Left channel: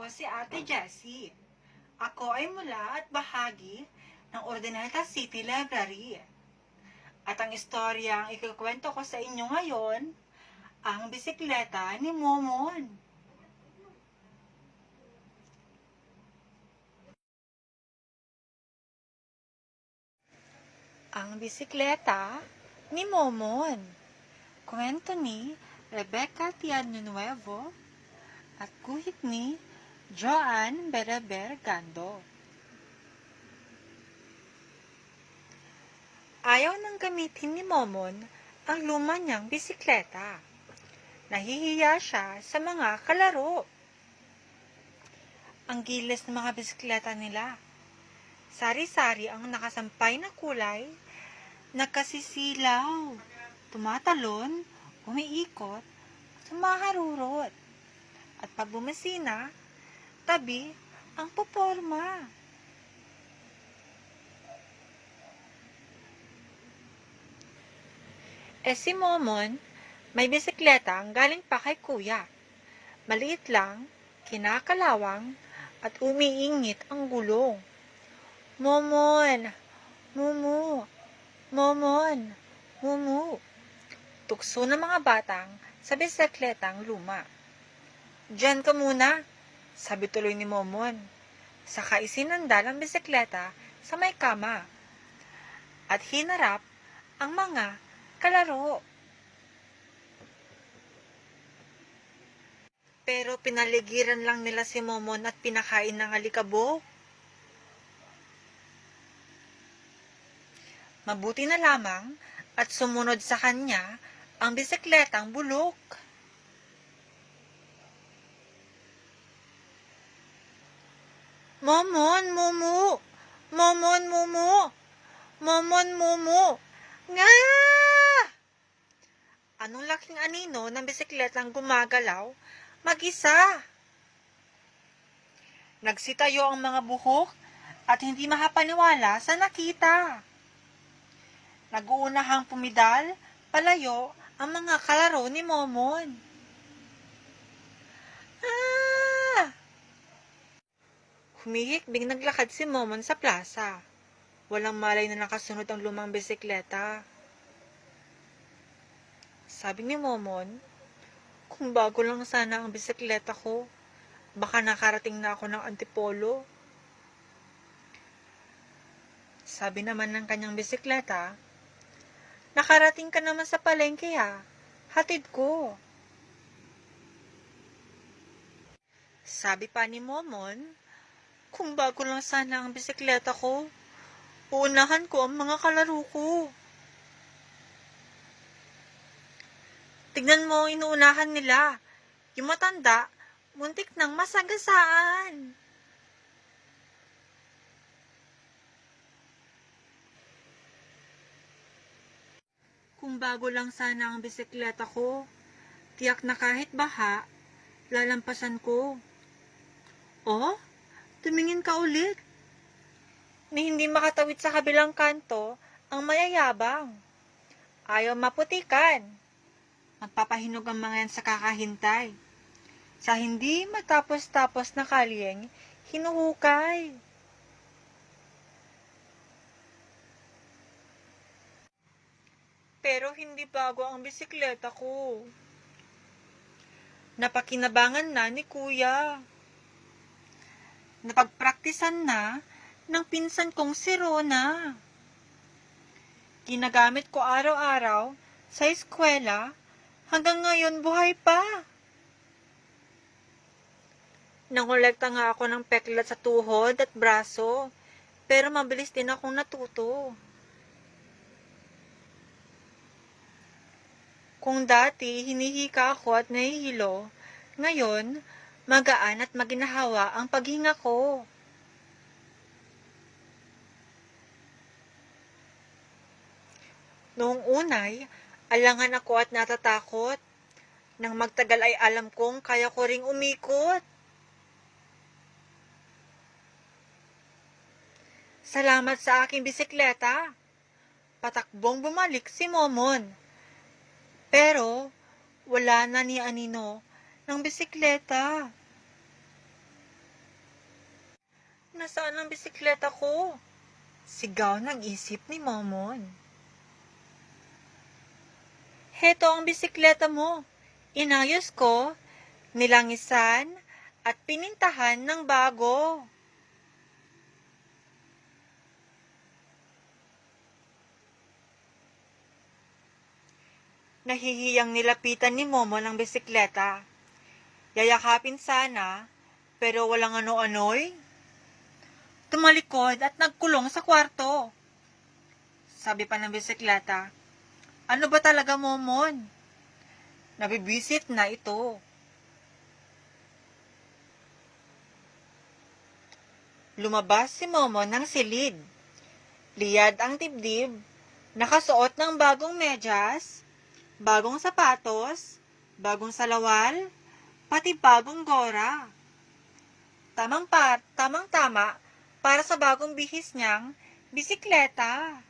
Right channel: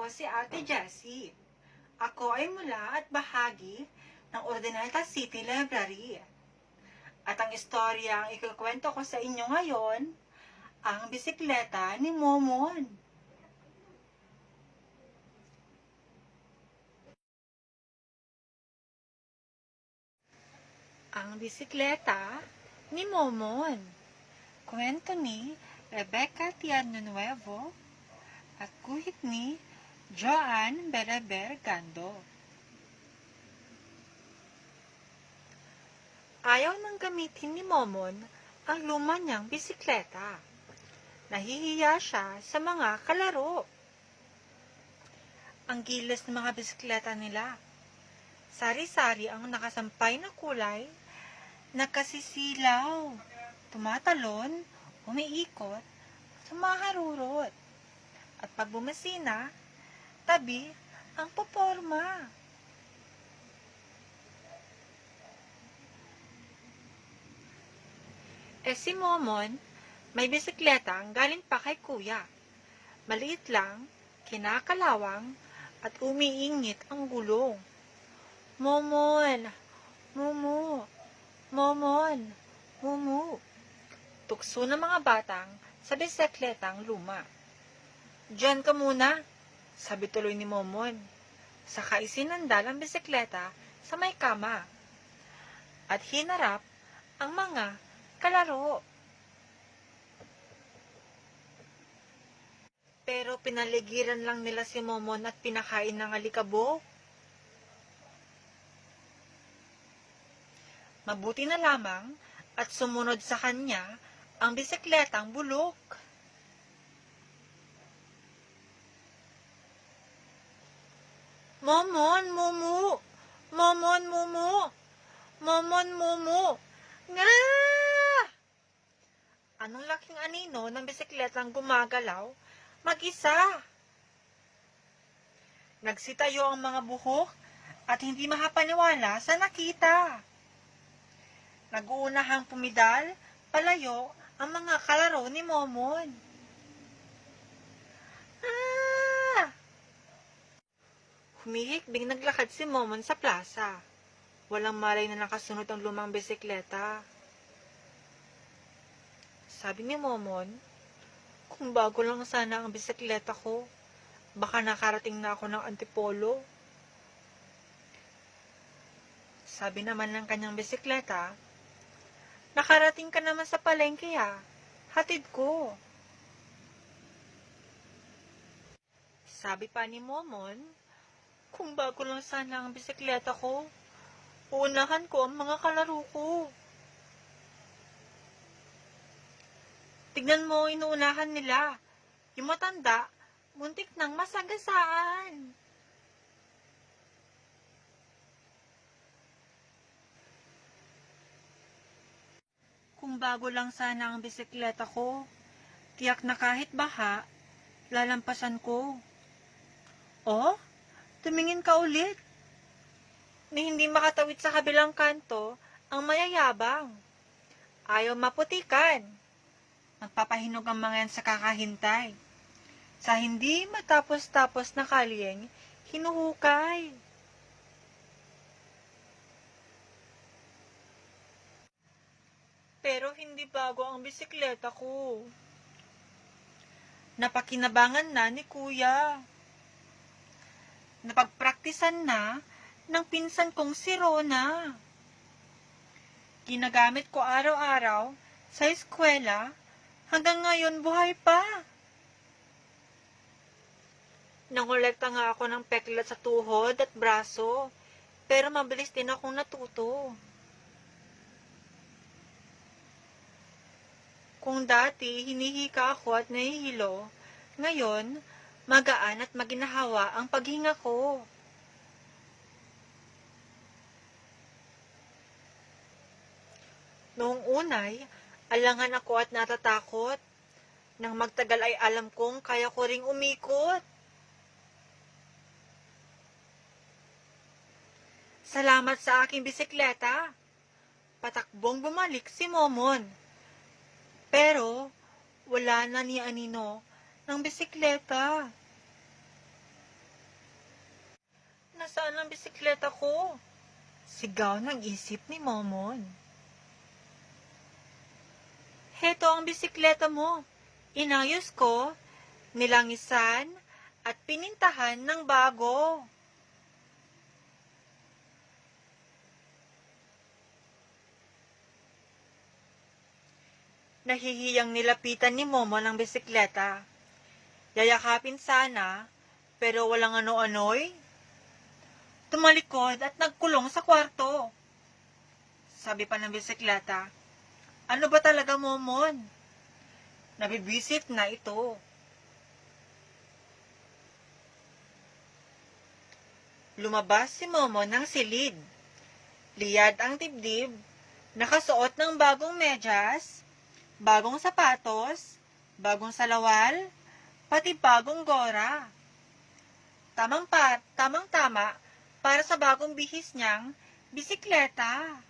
Ako si Ate Jessie. Ako ay mula at bahagi ng Ordinata City Library. At ang istoryang ikukwento ko sa inyo ngayon, ang bisikleta ni Momon. Ang bisikleta ni Momon. Kwento ni Rebecca Tiano Nuevo at guhit ni Joan Beraber Gando. Ayaw nang gamitin ni Momon ang luma niyang bisikleta. Nahihiya siya sa mga kalaro. Ang giles ng mga bisikleta nila. Sari-sari ang nakasampay na kulay, nagkasisilaw, tumatalon, umiikot, sumaharurot. At pag bumasina, tabi ang poporma. Eh si Momon, may bisikleta ang galing pa kay kuya. Maliit lang, kinakalawang, at umiingit ang gulong. Momon, mumu, momon, mumu. Tukso ng mga batang sa bisikletang luma. Diyan ka muna, sabi tuloy ni Momon. Saka isinandal ang bisikleta sa may kama. At hinarap ang mga kalaro. Pero pinaligiran lang nila si Momon at pinakain ng alikabok. Mabuti na lamang at sumunod sa kanya ang bisikletang bulok. Momon, mumu! Momon, mumu! Momon, mumu! Nga! Anong laking anino ng bisikletang gumagalaw? Mag-isa! Nagsitayo ang mga buhok at hindi makapaniwala sa nakita. Nag-uunahang pumidal, palayo ang mga kalaro ni Momon. Humihikbing naglakad si Momon sa plaza. Walang malay na nakasunod ang lumang bisikleta. Sabi ni Momon, kung bago lang sana ang bisikleta ko, baka nakarating na ako ng antipolo. Sabi naman ng kanyang bisikleta, nakarating ka naman sa palengke ha, hatid ko. Sabi pa ni Momon, kung bago lang sana ang bisikleta ko, uunahan ko ang mga kalaro ko. Tignan mo, inuunahan nila. Yung matanda, muntik nang masagasaan. Kung bago lang sana ang bisikleta ko, tiyak na kahit baha, lalampasan ko. Oh, tumingin ka ulit. Ni hindi makatawid sa kabilang kanto, ang mayayabang. Ayaw maputikan. Magpapahinog ang mga yan sa kakahintay. Sa hindi matapos-tapos na kalyeng, hinuhukay. Pero hindi bago ang bisikleta ko. Napakinabangan na ni kuya. Napagpraktisan na ng pinsan kong si Rona. Ginagamit ko araw-araw sa eskwela hanggang ngayon buhay pa. Nangolekta nga ako ng peklat sa tuhod at braso, pero mabilis din akong natuto. Kung dati hinihika ako at nahihilo, ngayon magaan at maginahawa ang paghinga ko. Noong unay, alangan ako at natatakot. Nang magtagal ay alam kong kaya ko ring umikot. Salamat sa aking bisikleta. Patakbong bumalik si Momon. Pero, wala na ni Anino ng bisikleta. Nasaan ang bisikleta ko? Sigaw ng isip ni Momon. Heto ang bisikleta mo. Inayos ko, nilangisan, at pinintahan ng bago. Nahihiyang nilapitan ni Momo ng bisikleta. Yayakapin sana, pero walang ano-ano'y. Tumalikod at nagkulong sa kwarto. Sabi pa ng bisikleta, ano ba talaga, Momon? Nabibisit na ito. Lumabas si Momo ng silid. Liyad ang dibdib, nakasuot ng bagong medyas, bagong sapatos, bagong salawal, pati bagong gora. Tamang pa, tamang tama para sa bagong bihis niyang bisikleta.